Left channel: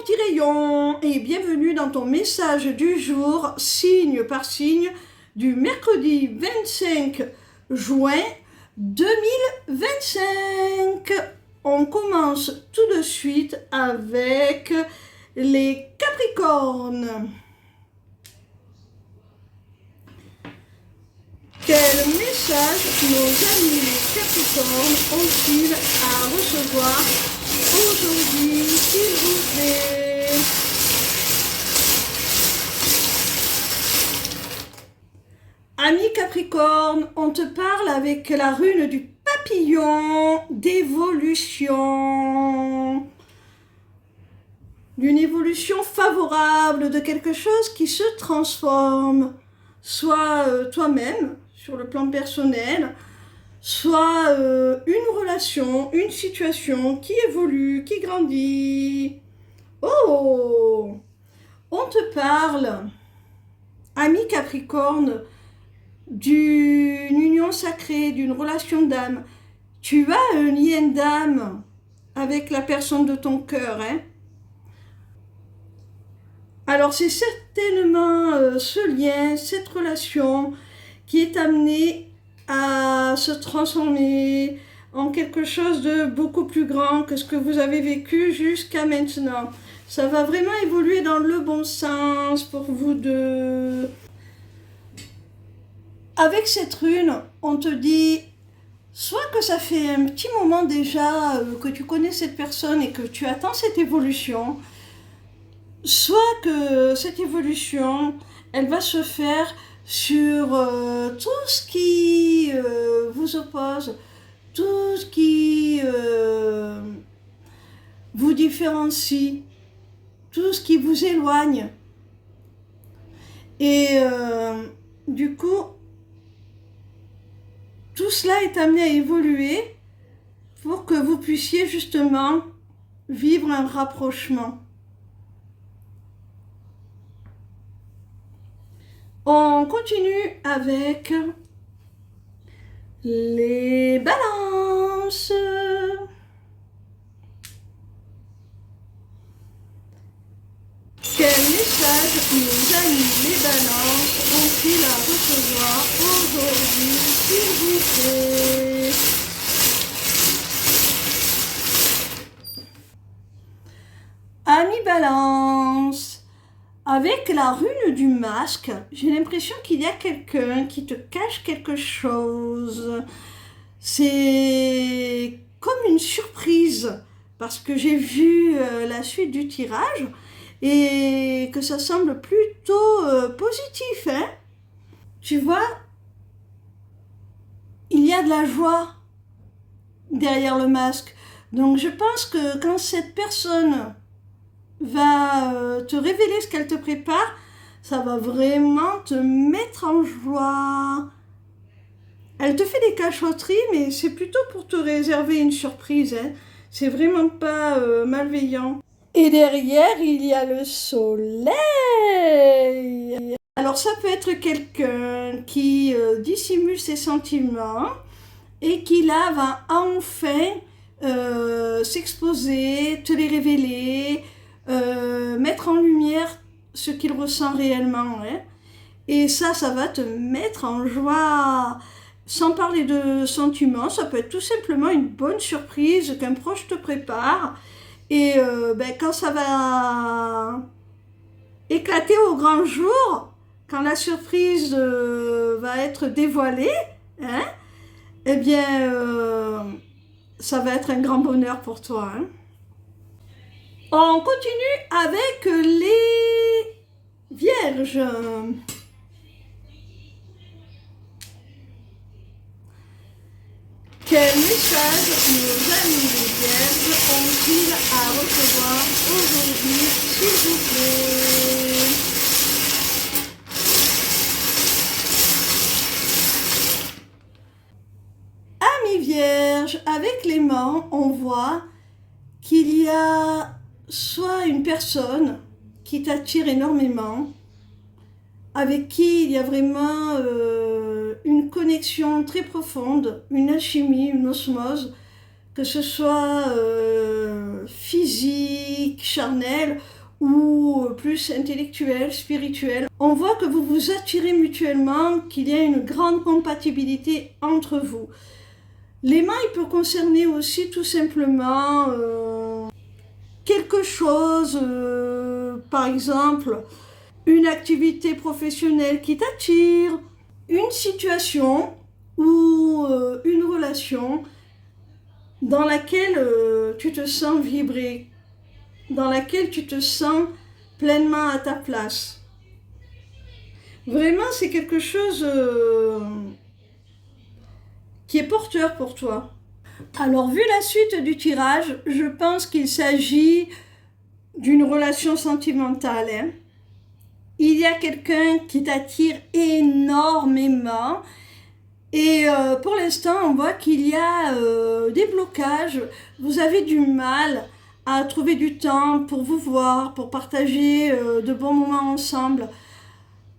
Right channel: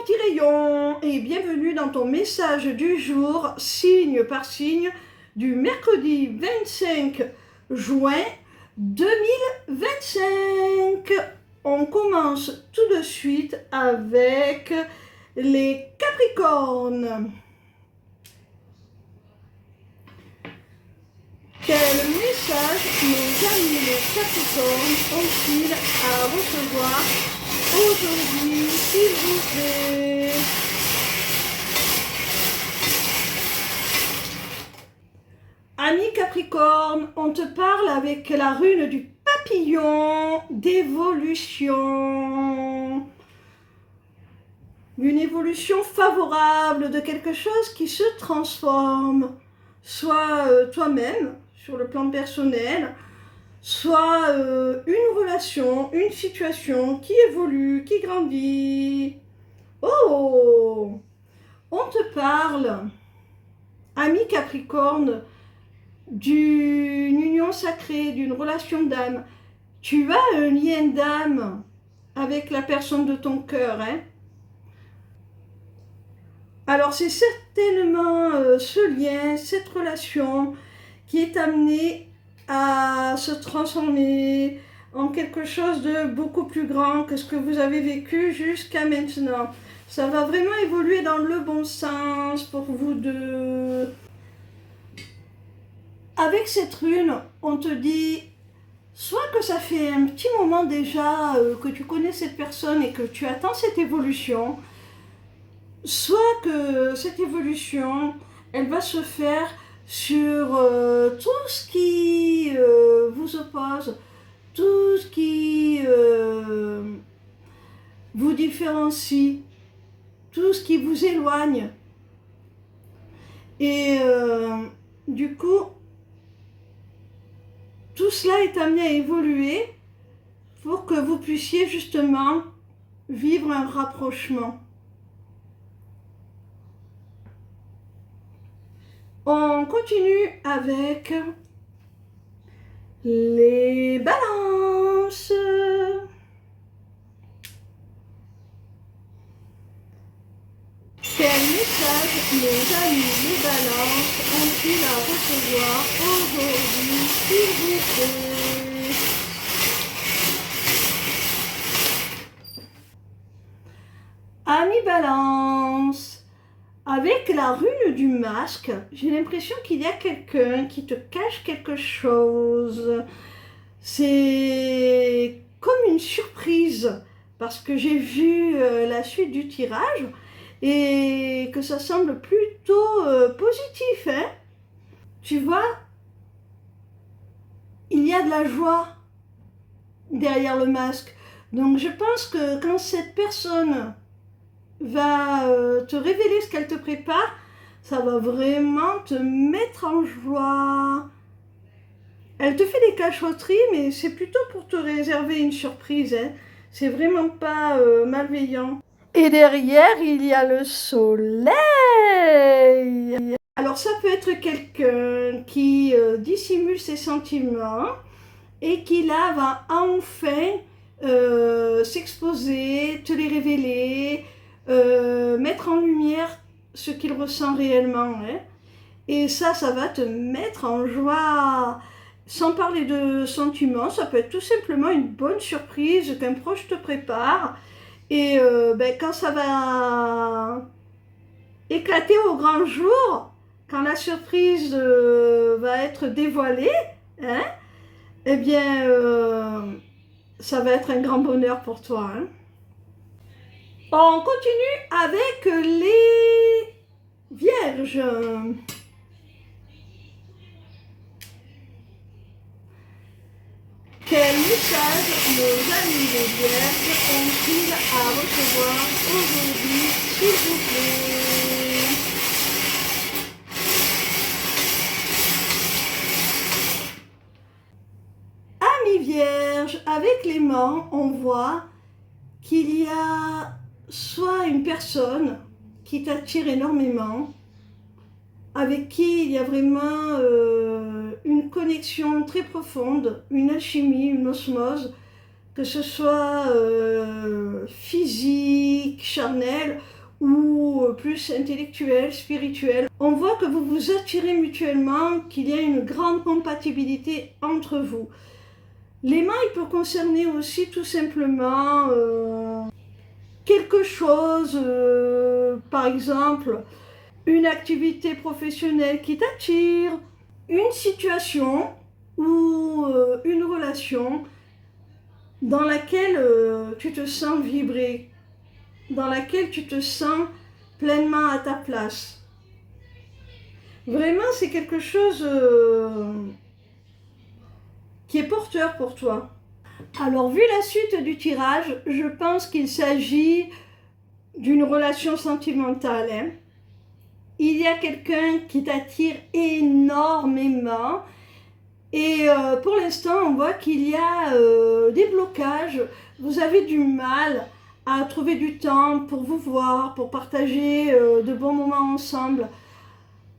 mon petit rayon et bienvenue dans ton message du jour, signe par signe, du mercredi 25 juin 2025. On commence tout de suite avec les Capricornes. Quel message nos amis les Capricornes ont-ils à recevoir aujourd'hui, s'il vous plaît? Amis Capricorne, on te parle avec la rune du papillon d'évolution. D'une évolution favorable, de quelque chose qui se transforme. Soit toi-même, sur le plan personnel, soit une relation, une situation qui évolue, qui grandit. Oh! On te parle, ami Capricorne, d'une union sacrée, d'une relation d'âme. Tu as un lien d'âme avec la personne de ton cœur, hein? Alors c'est certainement ce lien, cette relation qui est amenée à se transformer en quelque chose de beaucoup plus grand que ce que vous avez vécu jusqu'à maintenant. Ça va vraiment évoluer dans le bon sens pour vous deux. Avec cette rune, on te dit soit que ça fait un petit moment déjà que tu connais cette personne et que tu attends cette évolution, soit que cette évolution, elle va se faire sur tout ce qui vous oppose, tout ce qui vous différencie, tout ce qui vous éloigne. Et du coup, tout cela est amené à évoluer pour que vous puissiez justement vivre un rapprochement. On continue avec les balances. Quel message nos amis les balances ont-ils à recevoir aujourd'hui, s'il vous plaît? Amis balance, avec la rune du masque, j'ai l'impression qu'il y a quelqu'un qui te cache quelque chose. C'est comme une surprise, parce que j'ai vu la suite du tirage et que ça semble plutôt positif, hein? Tu vois, il y a de la joie derrière le masque. Donc je pense que quand cette personne va te révéler ce qu'elle te prépare, ça va vraiment te mettre en joie. Elle te fait des cachotteries, mais c'est plutôt pour te réserver une surprise, hein. C'est vraiment pas malveillant. Et derrière, il y a le soleil. Alors ça peut être quelqu'un qui dissimule ses sentiments et qui là va enfin s'exposer, te les révéler, mettre en lumière ce qu'il ressent réellement, hein. Et ça va te mettre en joie. Sans parler de sentiments, ça peut être tout simplement une bonne surprise qu'un proche te prépare. Et quand ça va éclater au grand jour, quand la surprise va être dévoilée, hein, eh bien, ça va être un grand bonheur pour toi, hein. On continue avec les vierges. Quel message nos amis les vierges ont-ils à recevoir aujourd'hui, s'il vous plaît? Amis vierges, avec l'aimant, on voit qu'il y a soit une personne qui t'attire énormément, avec qui il y a vraiment une connexion très profonde, une alchimie, une osmose, que ce soit physique, charnel ou plus intellectuel, spirituel. On voit que vous vous attirez mutuellement, qu'il y a une grande compatibilité entre vous. L'aimant, il peut concerner aussi tout simplement quelque chose, par exemple, une activité professionnelle qui t'attire, une situation ou une relation dans laquelle tu te sens vibrer, dans laquelle tu te sens pleinement à ta place. Vraiment, c'est quelque chose qui est porteur pour toi. Alors, vu la suite du tirage, je pense qu'il s'agit d'une relation sentimentale. Hein. Il y a quelqu'un qui t'attire énormément. Et pour l'instant, on voit qu'il y a des blocages. Vous avez du mal à trouver du temps pour vous voir, pour partager de bons moments ensemble.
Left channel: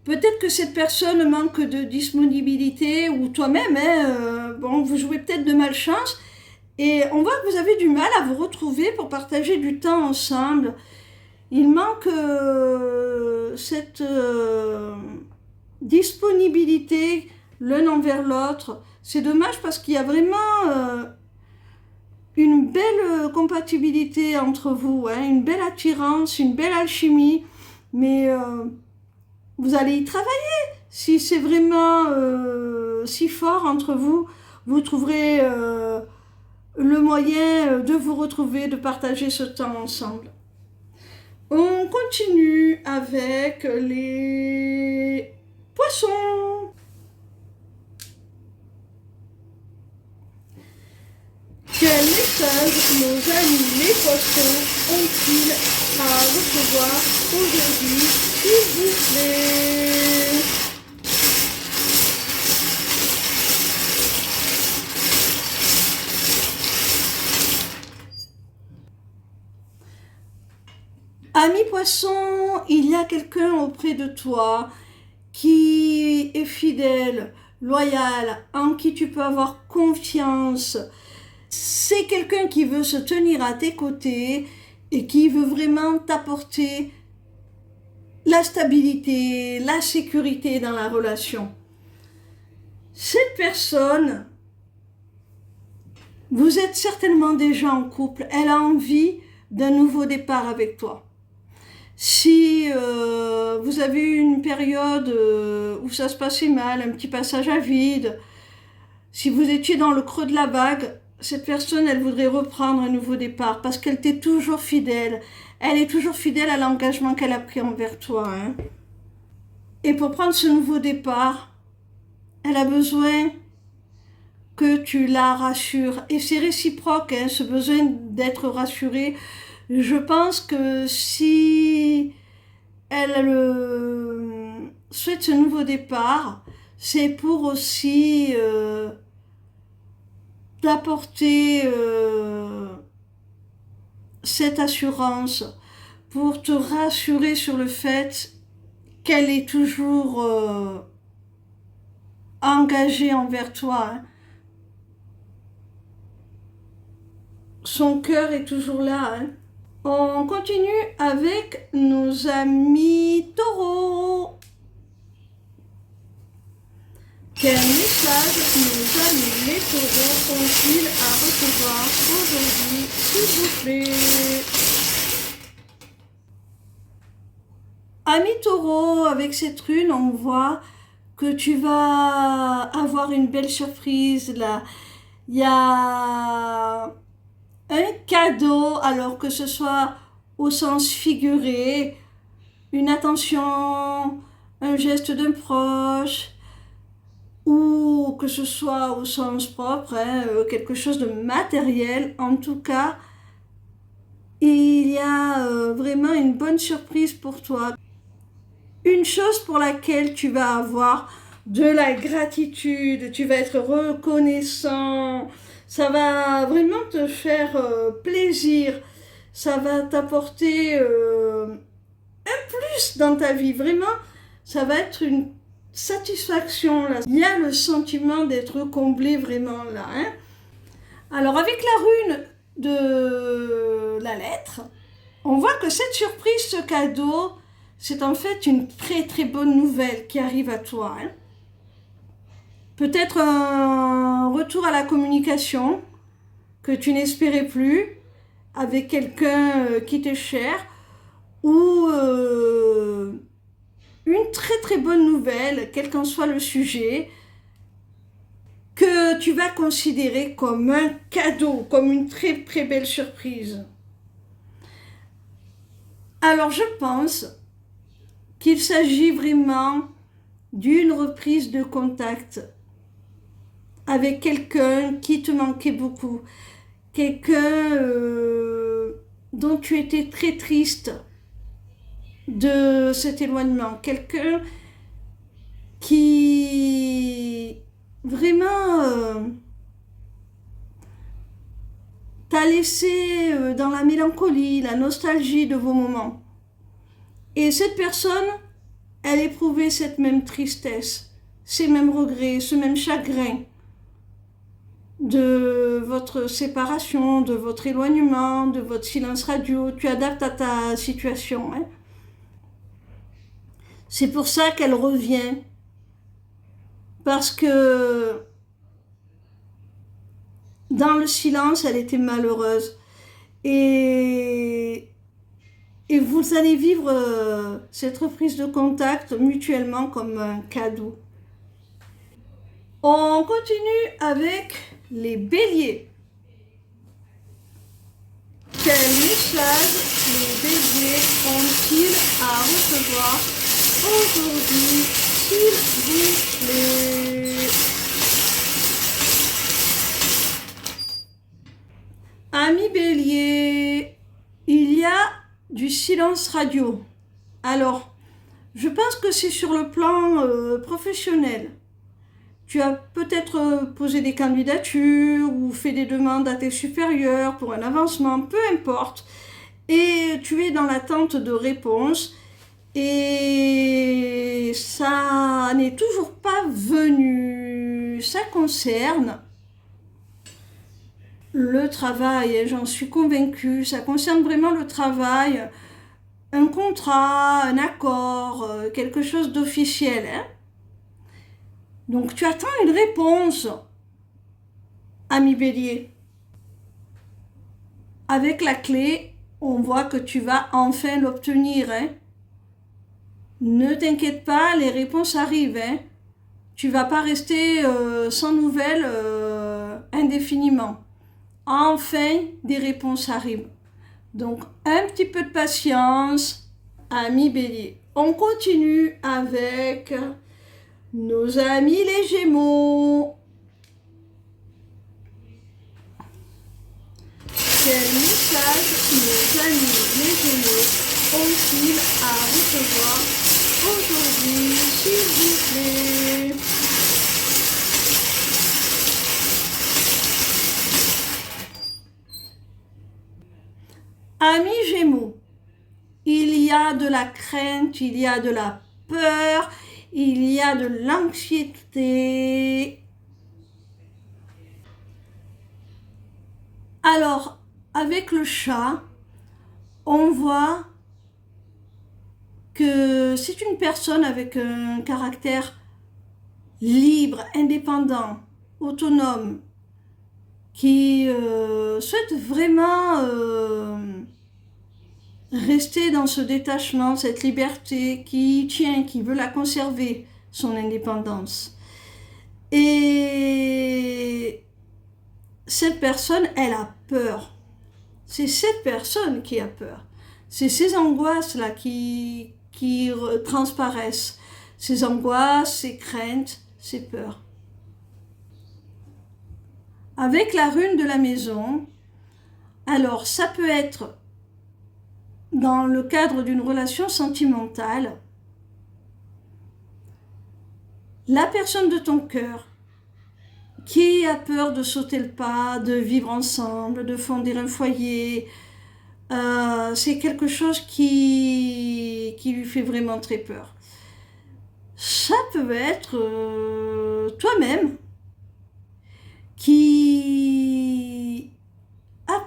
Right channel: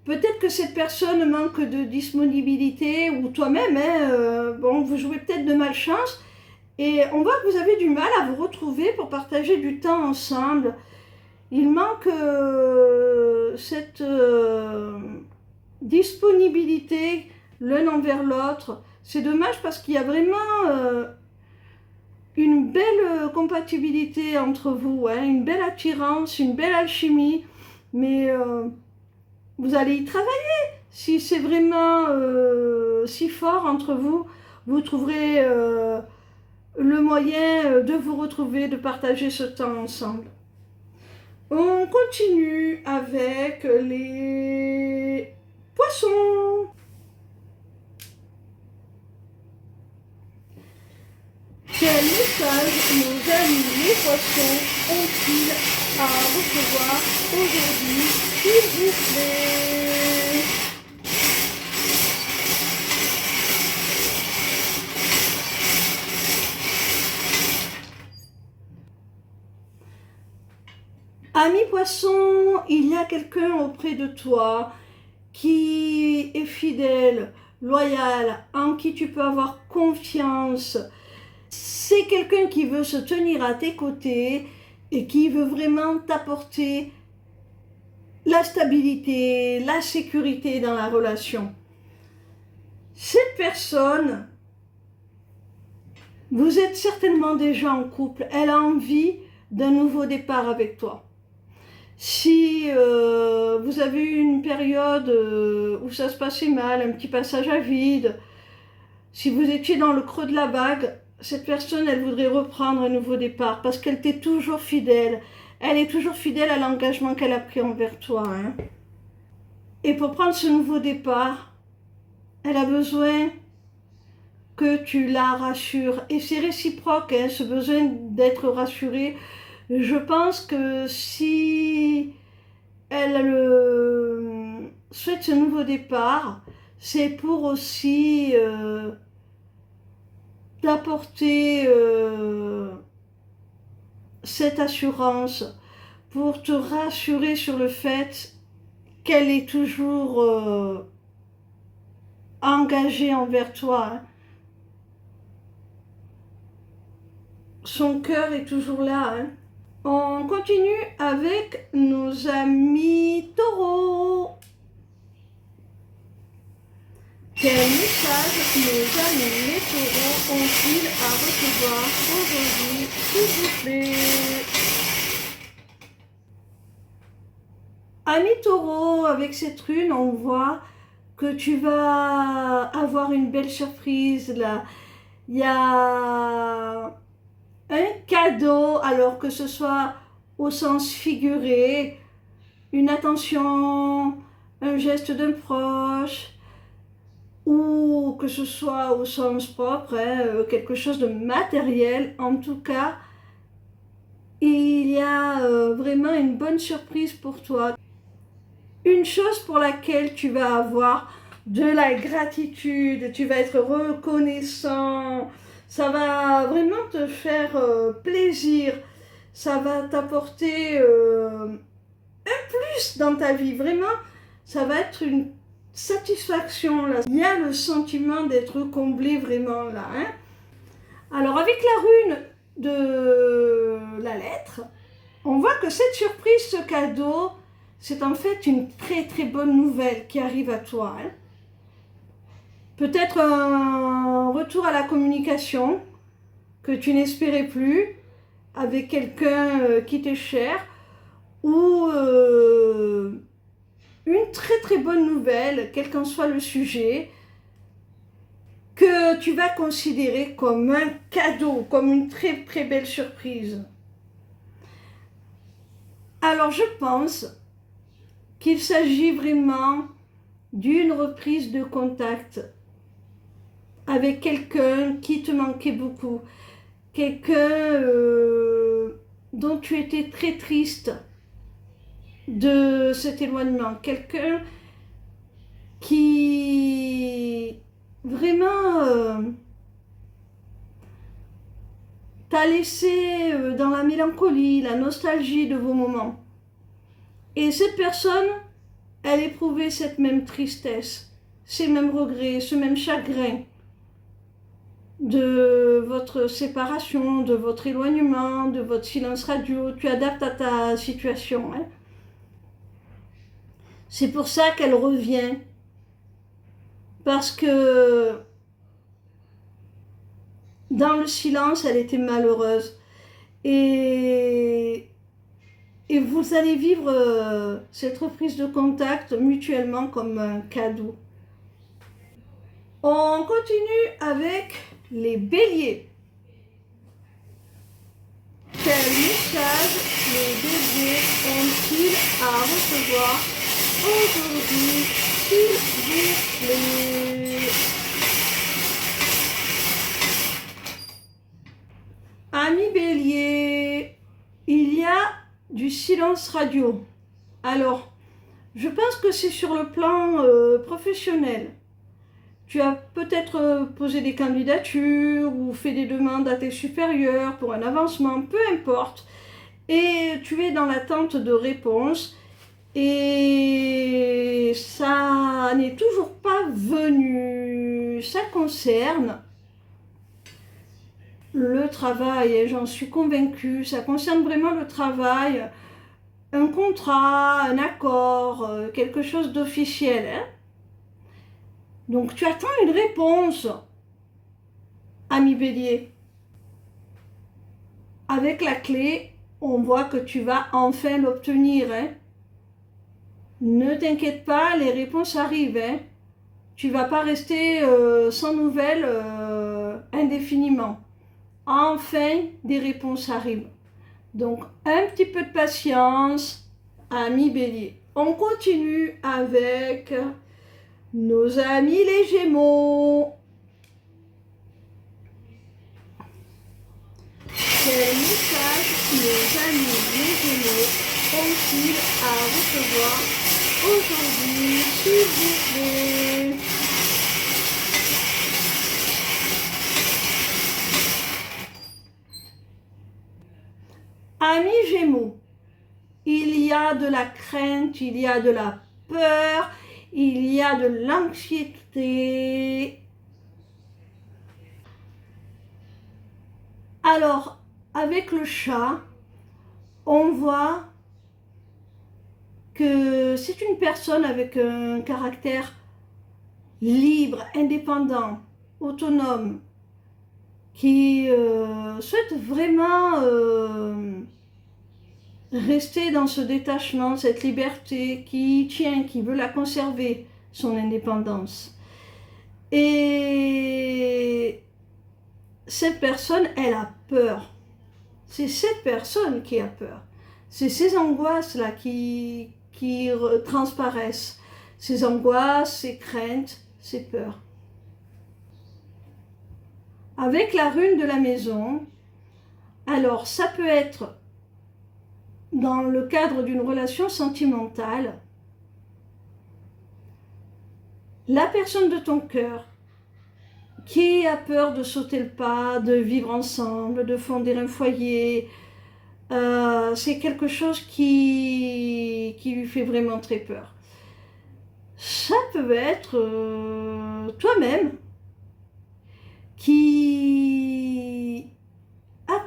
Peut-être que cette personne manque de disponibilité ou toi-même, hein, bon, vous jouez peut-être de malchance. Et on voit que vous avez du mal à vous retrouver pour partager du temps ensemble. Il manque cette disponibilité l'un envers l'autre. C'est dommage parce qu'il y a vraiment une belle compatibilité entre vous, hein, une belle attirance, une belle alchimie. Mais vous allez y travailler. Si c'est vraiment si fort entre vous, vous trouverez le moyen de vous retrouver, de partager ce temps ensemble. On continue avec les poissons. Quel message nos amis les poissons ont-ils à recevoir aujourd'hui, s'il vous plaît? Ami poisson, il y a quelqu'un auprès de toi qui est fidèle, loyal, en qui tu peux avoir confiance. C'est quelqu'un qui veut se tenir à tes côtés et qui veut vraiment t'apporter la stabilité, la sécurité dans la relation. Cette personne, vous êtes certainement déjà en couple, elle a envie d'un nouveau départ avec toi. Si vous avez eu une période où ça se passait mal, un petit passage à vide, si vous étiez dans le creux de la vague, cette personne, elle voudrait reprendre un nouveau départ parce qu'elle t'est toujours fidèle. Elle est toujours fidèle à l'engagement qu'elle a pris envers toi. Hein. Et pour prendre ce nouveau départ, elle a besoin que tu la rassures. Et c'est réciproque, hein, ce besoin d'être rassurée. Je pense que si elle souhaite ce nouveau départ, c'est pour aussi t'apporter cette assurance, pour te rassurer sur le fait qu'elle est toujours engagée envers toi. Hein. Son cœur est toujours là. Hein. On continue avec nos amis taureaux. Quel message nos amis les taureaux ont-ils à recevoir aujourd'hui, s'il vous plaît? Amis taureaux, avec cette rune, on voit que tu vas avoir une belle surprise là. Il y a un cadeau, alors que ce soit au sens figuré, une attention, un geste d'un proche, ou que ce soit au sens propre, hein, quelque chose de matériel. En tout cas, il y a vraiment une bonne surprise pour toi. Une chose pour laquelle tu vas avoir de la gratitude, tu vas être reconnaissant. Ça va vraiment te faire plaisir, ça va t'apporter un plus dans ta vie, vraiment, ça va être une satisfaction là. Il y a le sentiment d'être comblé vraiment là. Hein. Alors avec la rune de la lettre, on voit que cette surprise, ce cadeau, c'est en fait une très très bonne nouvelle qui arrive à toi. Hein. Peut-être un retour à la communication que tu n'espérais plus avec quelqu'un qui t'est cher, ou une très très bonne nouvelle, quel qu'en soit le sujet, que tu vas considérer comme un cadeau, comme une très très belle surprise. Alors je pense qu'il s'agit vraiment d'une reprise de contact avec quelqu'un qui te manquait beaucoup, quelqu'un dont tu étais très triste de cet éloignement, quelqu'un qui vraiment t'a laissé dans la mélancolie, la nostalgie de vos moments. Et cette personne, elle éprouvait cette même tristesse, ces mêmes regrets, ce même chagrin de votre séparation, de votre éloignement, de votre silence radio. Tu adaptes à ta situation. Hein. C'est pour ça qu'elle revient. Parce que dans le silence, elle était malheureuse. Et vous allez vivre cette reprise de contact mutuellement comme un cadeau. On continue avec les béliers. Quel message les béliers ont-ils à recevoir aujourd'hui, s'il vous plaît? Amis bélier, il y a du silence radio. Alors, je pense que c'est sur le plan professionnel. Tu as peut-être posé des candidatures ou fait des demandes à tes supérieurs pour un avancement, peu importe. Et tu es dans l'attente de réponses et ça n'est toujours pas venu. Ça concerne le travail, j'en suis convaincue. Ça concerne vraiment le travail, un contrat, un accord, quelque chose d'officiel. Hein. Donc tu attends une réponse, ami bélier. Avec la clé, on voit que tu vas enfin l'obtenir. Hein. Ne t'inquiète pas, les réponses arrivent. Hein. Tu ne vas pas rester sans nouvelles indéfiniment. Enfin, des réponses arrivent. Donc, un petit peu de patience, ami bélier. On continue avec nos amis les Gémeaux. Quel message nos amis les Gémeaux ont-ils à recevoir aujourd'hui, s'il vous plaît? Amis Gémeaux, il y a de la crainte, il y a de la peur, il y a de l'anxiété. Alors, avec le chat, on voit que c'est une personne avec un caractère libre, indépendant, autonome, qui souhaite vraiment rester dans ce détachement, cette liberté, qui tient, qui veut la conserver, son indépendance. Et cette personne, elle a peur. C'est cette personne qui a peur. C'est ces angoisses-là qui transparaissent. Ces angoisses, ces craintes, ces peurs. Avec la rune de la maison, alors ça peut être dans le cadre d'une relation sentimentale, la personne de ton cœur qui a peur de sauter le pas, de vivre ensemble, de fonder un foyer, c'est quelque chose qui lui fait vraiment très peur. Ça peut être toi-même qui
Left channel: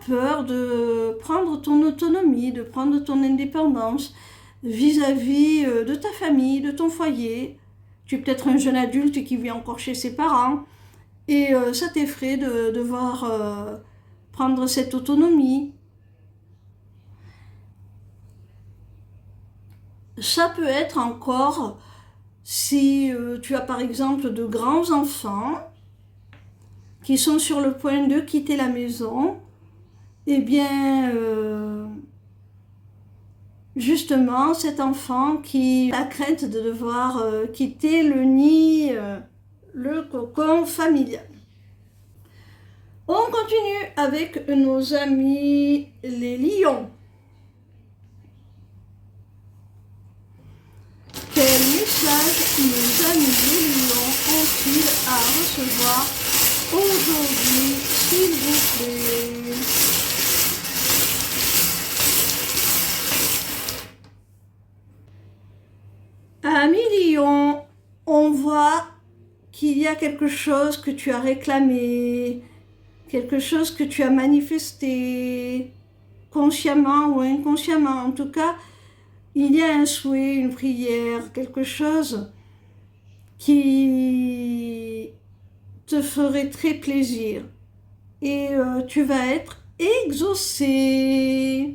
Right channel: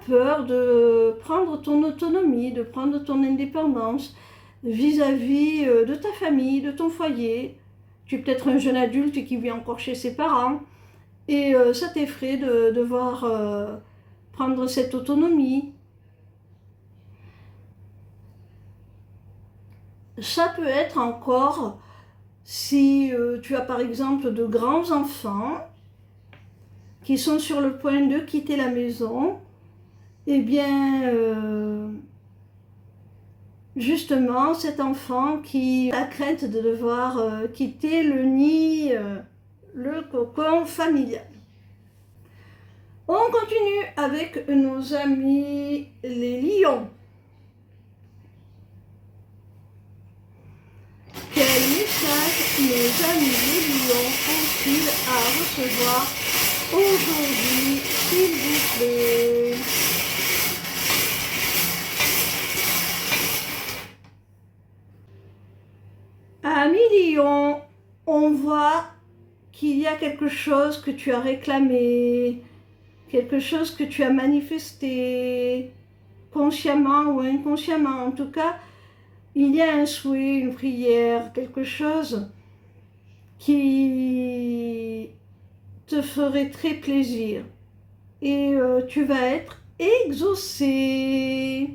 peur de prendre ton autonomie, de prendre ton indépendance vis-à-vis de ta famille, de ton foyer. Tu es peut-être un jeune adulte qui vit encore chez ses parents et ça t'effraie de devoir prendre cette autonomie. Ça peut être encore si tu as par exemple de grands enfants qui sont sur le point de quitter la maison, eh bien, justement, cet enfant qui a la crainte de devoir quitter le nid, le cocon familial. On continue avec nos amis les lions. Quel message nos amis les lions ont-ils à recevoir aujourd'hui, s'il vous plaît? Amis lions, on voit qu'il y a quelque chose que tu as réclamé, quelque chose que tu as manifesté, consciemment ou inconsciemment. En tout cas, il y a un souhait, une prière, quelque chose qui te ferait très plaisir. Et tu vas être exaucé.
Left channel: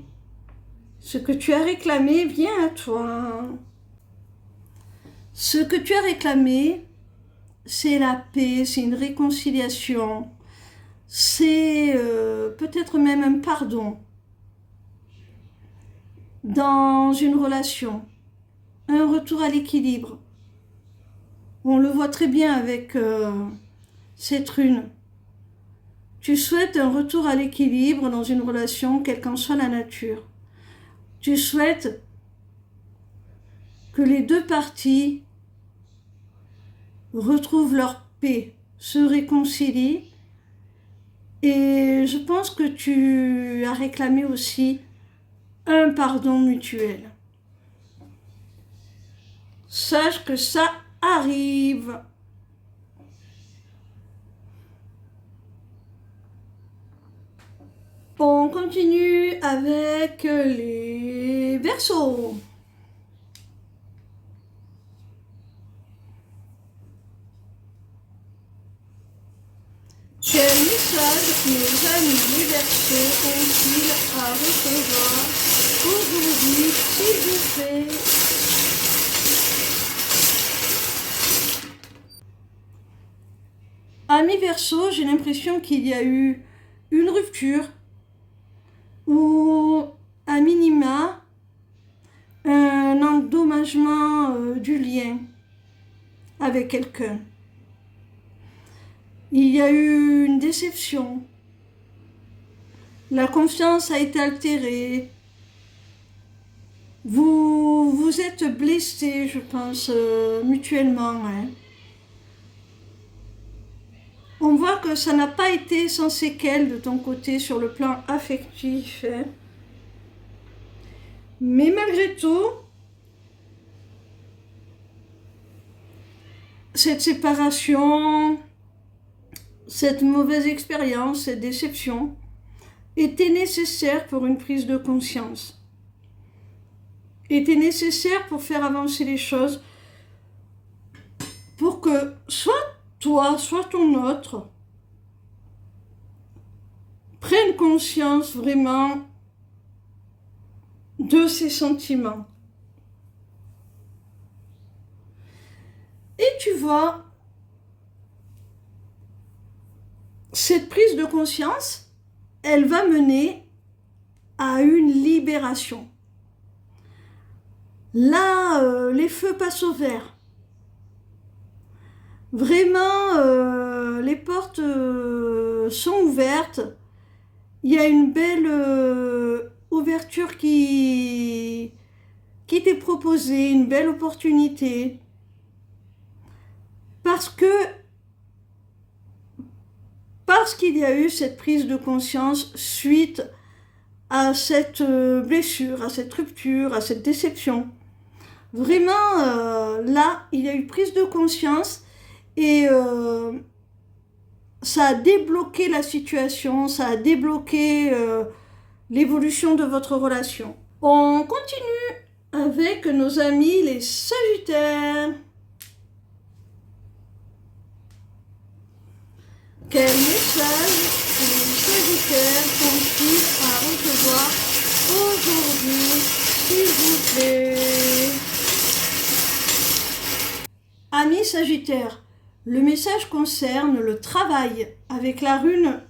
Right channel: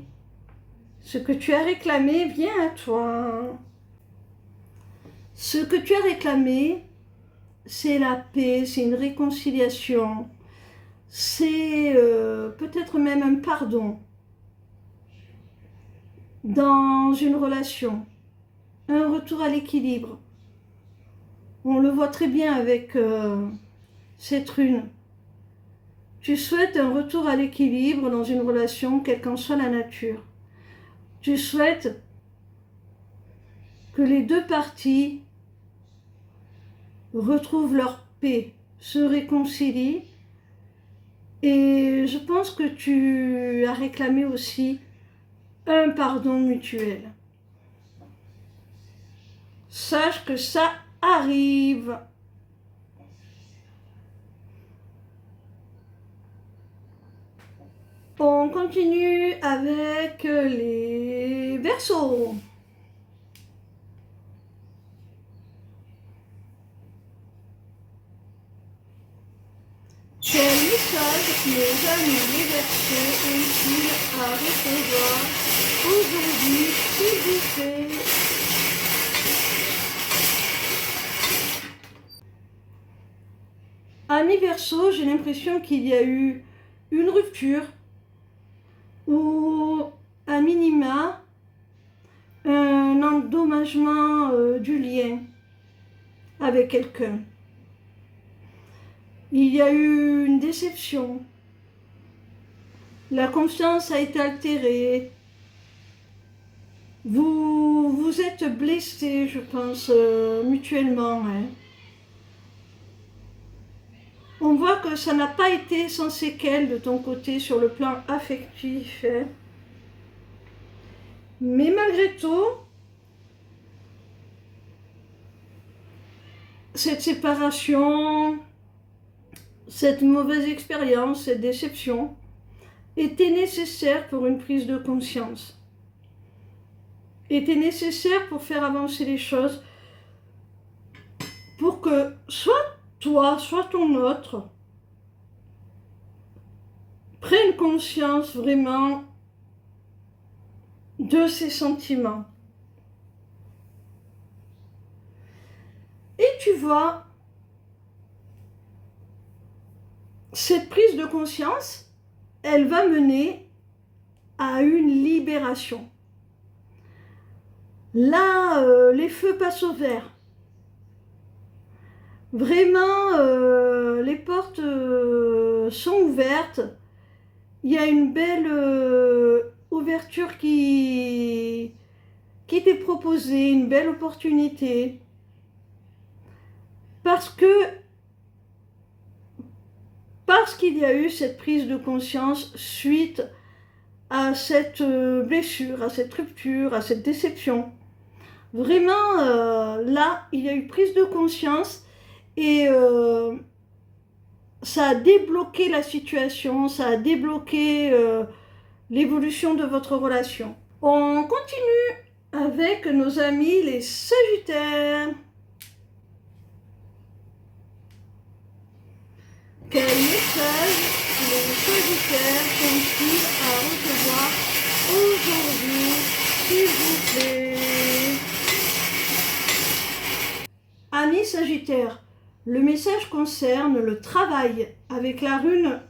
Ce que tu as réclamé vient à toi. Ce que tu as réclamé, c'est la paix, c'est une réconciliation, c'est peut-être même un pardon dans une relation, un retour à l'équilibre. On le voit très bien avec cette rune. Tu souhaites un retour à l'équilibre dans une relation, quelle qu'en soit la nature. Tu souhaites que les deux parties retrouvent leur paix, se réconcilient. Et je pense que tu as réclamé aussi un pardon mutuel. Sache que ça arrive. On continue avec les Verseaux. Quel message nos amis les Verseaux ont-ils à recevoir aujourd'hui, s'il vous plaît? Amis Verseaux, j'ai l'impression qu'il y a eu une rupture ou à minima un endommagement du lien avec quelqu'un. Il y a eu une déception. La confiance a été altérée. Vous vous êtes blessés, je pense, mutuellement. Hein. On voit que ça n'a pas été sans séquelles de ton côté sur le plan affectif. Hein. Mais malgré tout, cette séparation, cette mauvaise expérience, cette déception était nécessaire pour une prise de conscience. Était nécessaire pour faire avancer les choses, pour que soit toi, soit ton autre prenne conscience vraiment de ses sentiments. Et tu vois, cette prise de conscience, elle va mener à une libération. Là, les feux passent au vert. Vraiment, les portes sont ouvertes. Il y a une belle ouverture qui t'est proposée, une belle opportunité. Parce qu'il y a eu cette prise de conscience suite à cette blessure, à cette rupture, à cette déception. Vraiment, là, il y a eu prise de conscience et ça a débloqué la situation, ça a débloqué l'évolution de votre relation. On continue avec nos amis les Sagittaires. Quel message les Sagittaires sont-ils à recevoir aujourd'hui, s'il vous plaît? Amis Sagittaires, le message concerne le travail. Avec la rune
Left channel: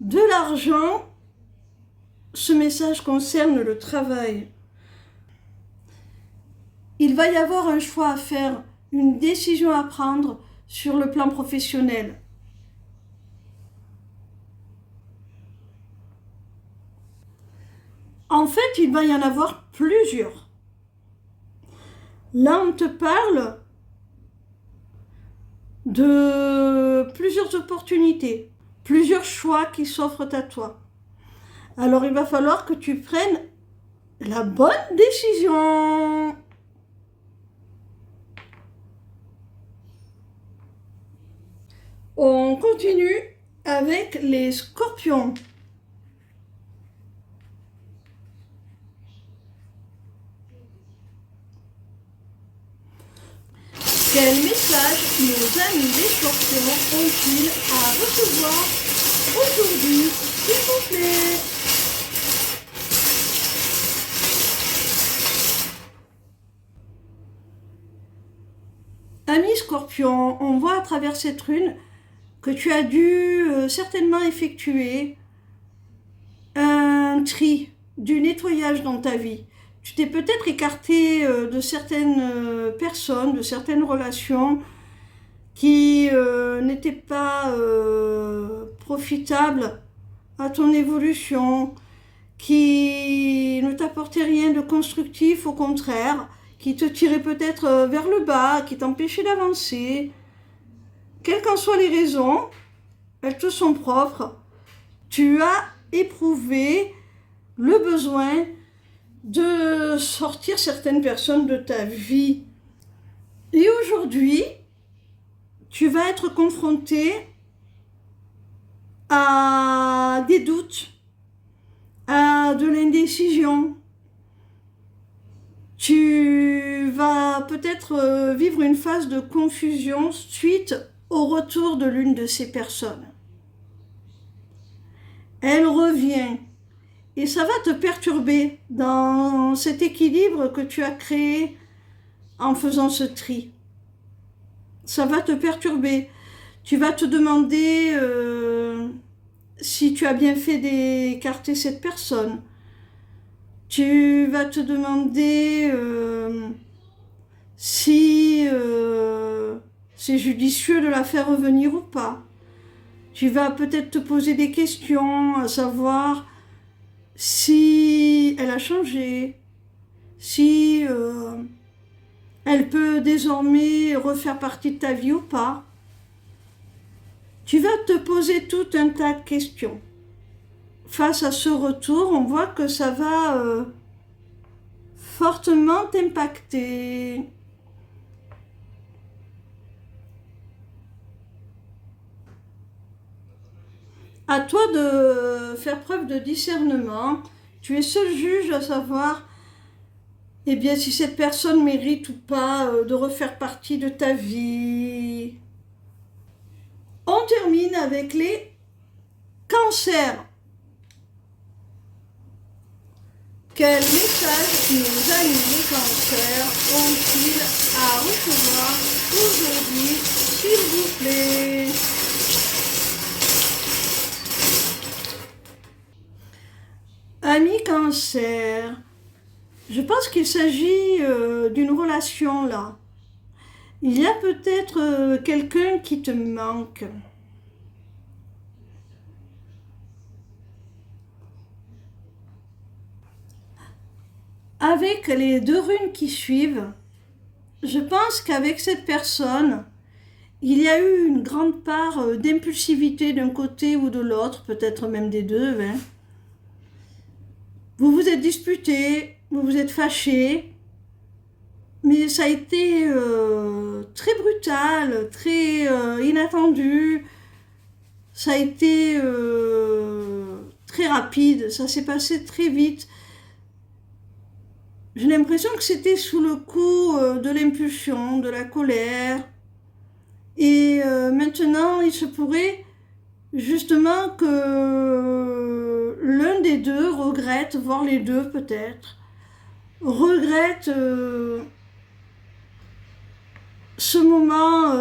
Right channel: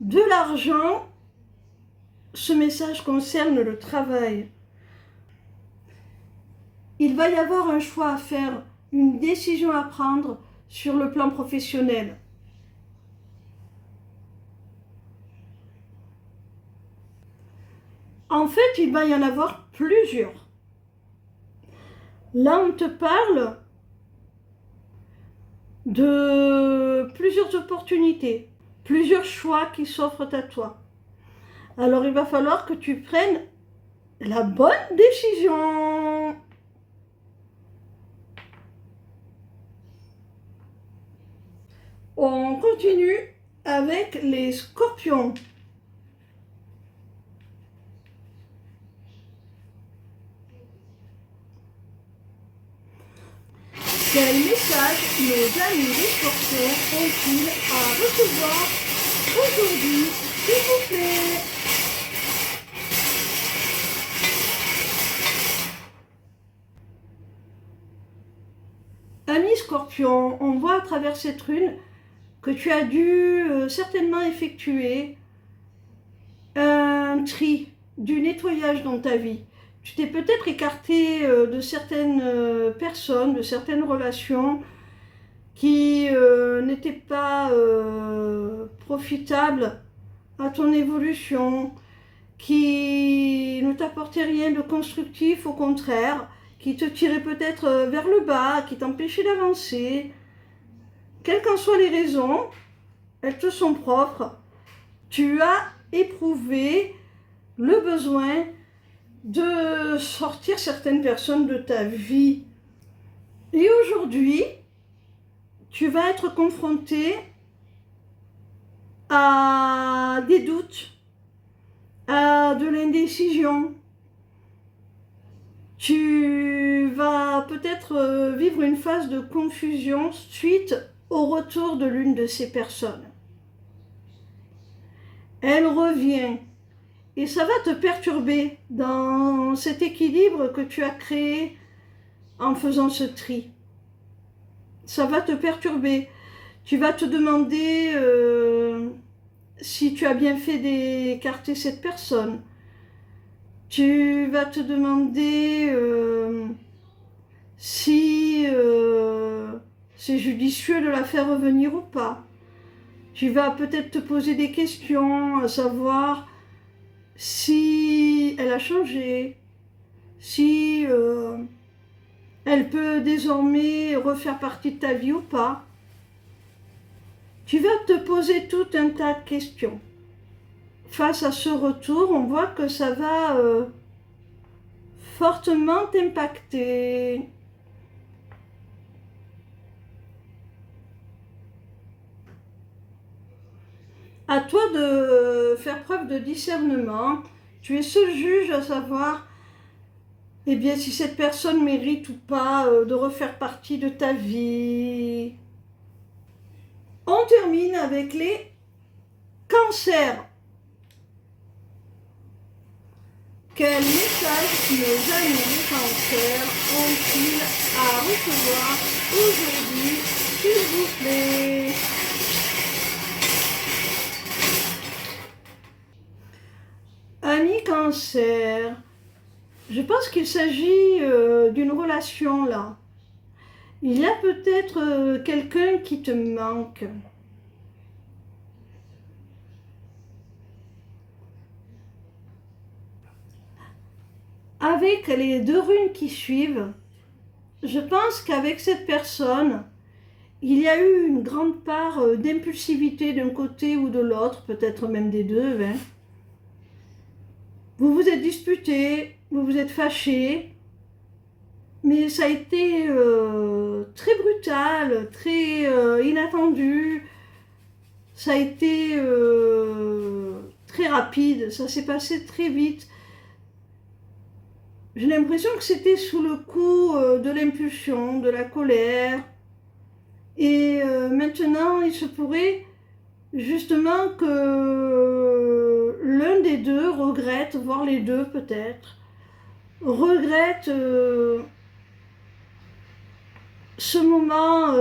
de l'argent, ce message concerne le travail. Il va y avoir un choix à faire, une décision à prendre sur le plan professionnel. En fait, il va y en avoir plusieurs. Là, on te parle de plusieurs opportunités, plusieurs choix qui s'offrent à toi. Alors, il va falloir que tu prennes la bonne décision. On continue avec les Scorpions. Quel message nos amis les Scorpions ont-ils à recevoir aujourd'hui, s'il vous plaît? Amis Scorpions, on voit à travers cette rune que tu as dû certainement effectuer un tri, du nettoyage dans ta vie. Tu t'es peut-être écarté de certaines personnes, de certaines relations qui n'étaient pas profitables à ton évolution, qui ne t'apportaient rien de constructif, au contraire, qui te tiraient peut-être vers le bas, qui t'empêchaient d'avancer. Quelles qu'en soient les raisons, elles te sont propres. Tu as éprouvé le besoin de sortir certaines personnes de ta vie. Et aujourd'hui, tu vas être confronté à des doutes, à de l'indécision. Tu vas peut-être vivre une phase de confusion suite au retour de l'une de ces personnes. Elle revient et ça va te perturber dans cet équilibre que tu as créé en faisant ce tri. Ça va te perturber. Tu vas te demander si tu as bien fait d'écarter cette personne. Tu vas te demander si c'est judicieux de la faire revenir ou pas. Tu vas peut-être te poser des questions, à savoir si elle a changé, si elle peut désormais refaire partie de ta vie ou pas. Tu vas te poser tout un tas de questions. Face à ce retour, on voit que ça va fortement t'impacter. À toi de faire preuve de discernement. Tu es seul juge à savoir eh bien, si cette personne mérite ou pas de refaire partie de ta vie. On termine avec les cancers. Quel message nos amis les cancers ont-ils à recevoir aujourd'hui, s'il vous plaît? Amis cancer, je pense qu'il s'agit d'une relation là. Il y a peut-être quelqu'un qui te manque. Avec les deux runes qui suivent, je pense qu'avec cette personne, il y a eu une grande part d'impulsivité d'un côté ou de l'autre, peut-être même des deux. Hein. Vous vous êtes disputés, vous vous êtes fâchés, mais ça a été très brutal, très inattendu. ça a été très rapide, ça s'est passé très vite. J'ai l'impression que c'était sous le coup de l'impulsion, de la colère. Et maintenant, il se pourrait justement que l'un des deux regrette, voire les deux peut-être, regrette ce moment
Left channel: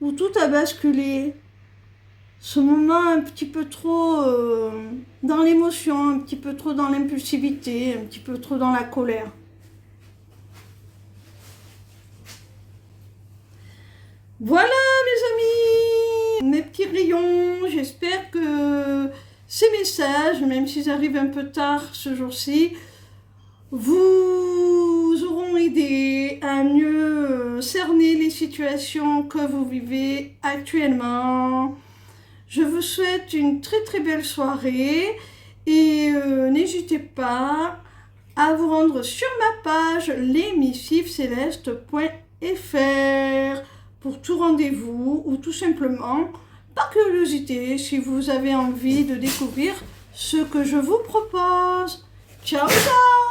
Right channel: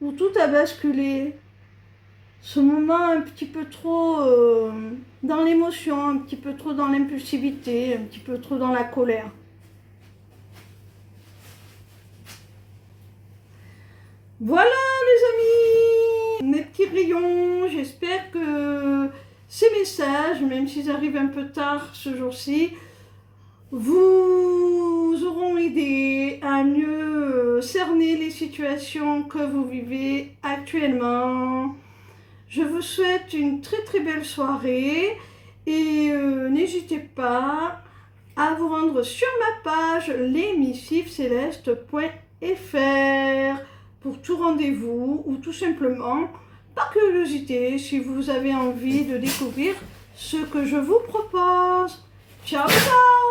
où tout a basculé, ce moment un petit peu trop dans l'émotion, un petit peu trop dans l'impulsivité, un petit peu trop dans la colère. Voilà mes amis, mes petits rayons, j'espère que ces messages, même s'ils arrivent un peu tard ce jour-ci, vous auront aidé à mieux cerner les situations que vous vivez actuellement. Je vous souhaite une très très belle soirée et n'hésitez pas à vous rendre sur ma page lesmissivescélestes.fr pour tout rendez-vous ou tout simplement par curiosité si vous avez envie de découvrir ce que je vous propose. Ciao ciao!